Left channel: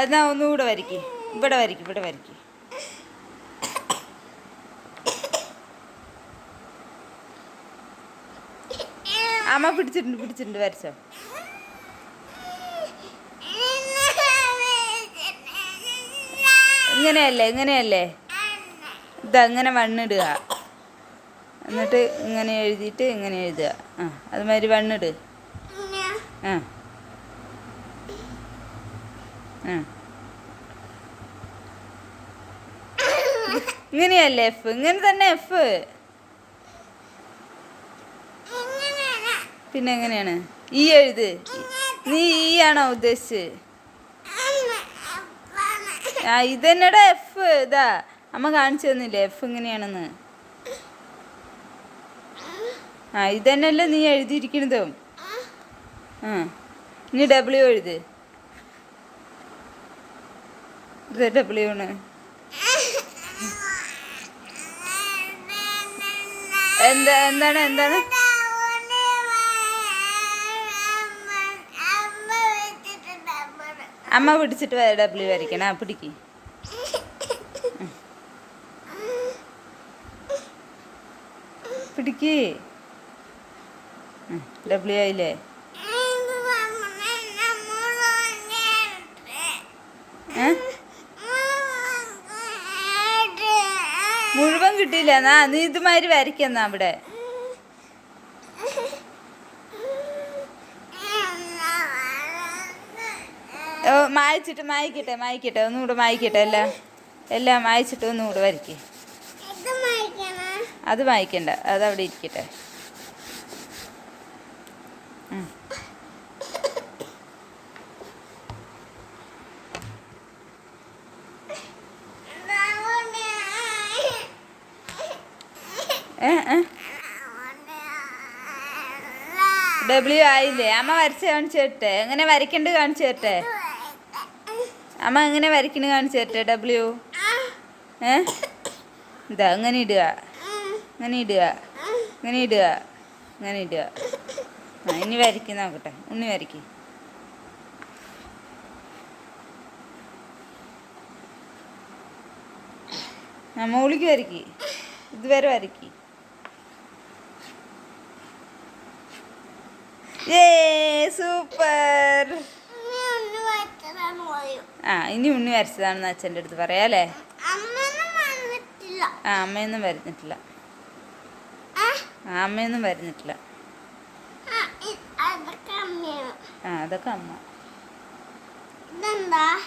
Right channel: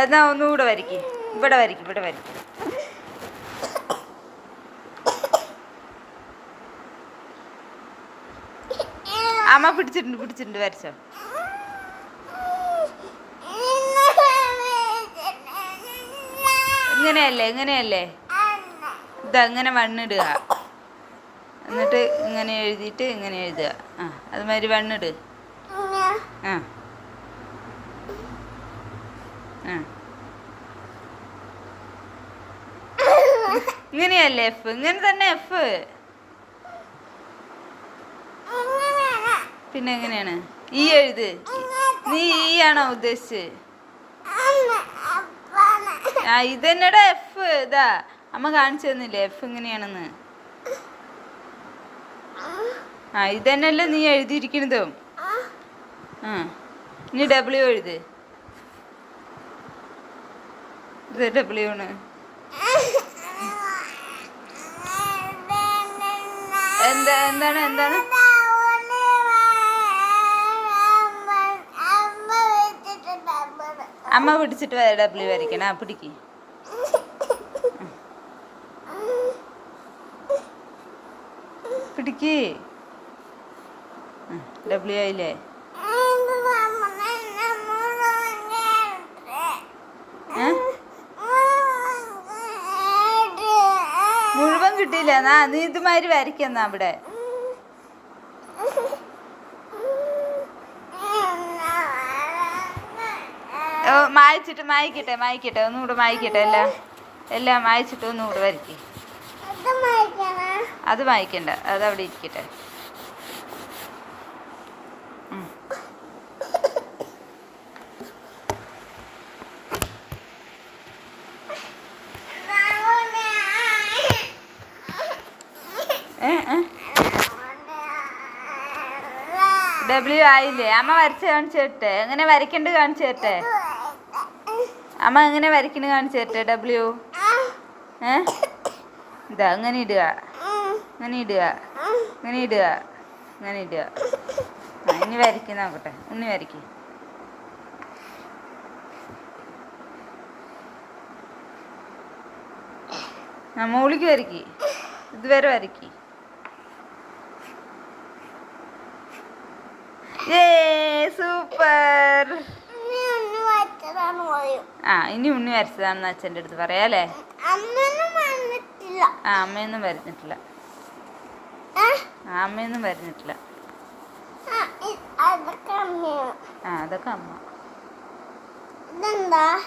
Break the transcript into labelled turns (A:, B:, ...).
A: എന്നാ ഒന്നുകൂടെ വരയ്ക്കും. ഇവിടെ വരയ്ക്കും ഇവിടെ വരയ്ക്കും. അമ്മ പിടിച്ചിട്ടുണ്ട് പിടിച്ചിട്ടുണ്ട് വരച്ചോ. ഇങ്ങനെയല്ലേ ഇങ്ങനെയല്ലേ? ഇതാ ഇങ്ങനെ വണ്ണിടുക. എന്നിട്ട് ഇങ്ങനെ എഴുതിയിട്ട് ഇങ്ങനെ എഴുതുക. ആ അതുമാതിരി വണ്ണിട്. ആ. ഇങ്ങനെയല്ലേ എഫ് ഇങ്ങനെ തന്നെ എഫ് പിന്നെ എങ്ങനെയാണ്? ഈ എഴുത്. നീ ഈ ആണോ ഉദ്ദേശിച്ചത് ആ ഇതെന്നടാ എഫ് ഇതാ. അമ്മ കാണിച്ചു തന്നില്ലേ എഫ് ഇങ്ങനെയാണെന്ന്. ആ ഇതന്നെയല്ലേ നീ എഴുതിയിരിക്കണതും ആ നീ ഡബ്ല്യു എഴുത്. ഇത് ഡബ്ല്യു ആണ്. എന്താ എന്താണ് എന്താണ്? അമ്മ പിടിച്ചിട്ട് ഡബ്ല്യു വരയ്ക്കണം പിടിക്ക്. പിടിക്ക്. ഡബ്ല്യു ആയില്ലേ? ഏ? കിട്ടിയില്ല. എന്നാ നീ ഇതുമാതിരി വരയ്ക്കുന്ന അവിടെ. ഓ, മായ്ച്ചിട്ട് മായ്ക്കട്ടെ മായ്ക്കട്ടെ. ഒന്നുകൂടെ മായ്ക്കട്ടെ എല്ലാം എല്ലാം മായ്ച്ചിട്ട് ഒന്നുകൂടെ വരയ്ക്കും അത് മായ്ക്കണ്ട. അത് അവിടെ ഇരിക്കട്ടെ ഉം. ഏ, ഏ. ഡബ്ല്യു ആയില്ലേ? അമ്മ വരച്ച് കാണിച്ചു തരട്ടെ. എങ്ങനെ വരയ്ക്കണ്ട് കാണിച്ചു തരട്ടെ? അമ്മ എങ്ങനെ വരയ്ക്കണ കാണിച്ചു തരട്ടെ ഡബ്ല്യു ഏ? ഇതാ അങ്ങനെ ഇടുക. അങ്ങനെ ഇടുക. അങ്ങനെ ഇടുക. അങ്ങനെ ഇടുക. ഇനി വരയ്ക്ക് നോക്കട്ടെ. ഉണ്ണി വരയ്ക്ക്. ആ മോളിക്ക് വരയ്ക്ക്. ഇതുവരെ വരയ്ക്ക്. ഏ സൂപ്പർ. ആ ഇനി ഉണ്ണി വരച്ചതാണെന്ന് അച്ഛന്റെ അടുത്ത് പറയാല്ലേ ആ അമ്മയൊന്നും വരുന്നിട്ടില്ല. അമ്മയൊന്നും വരുന്നിട്ടില്ല. ആ അതൊക്കെ അമ്മ.
B: ഇതെന്താ?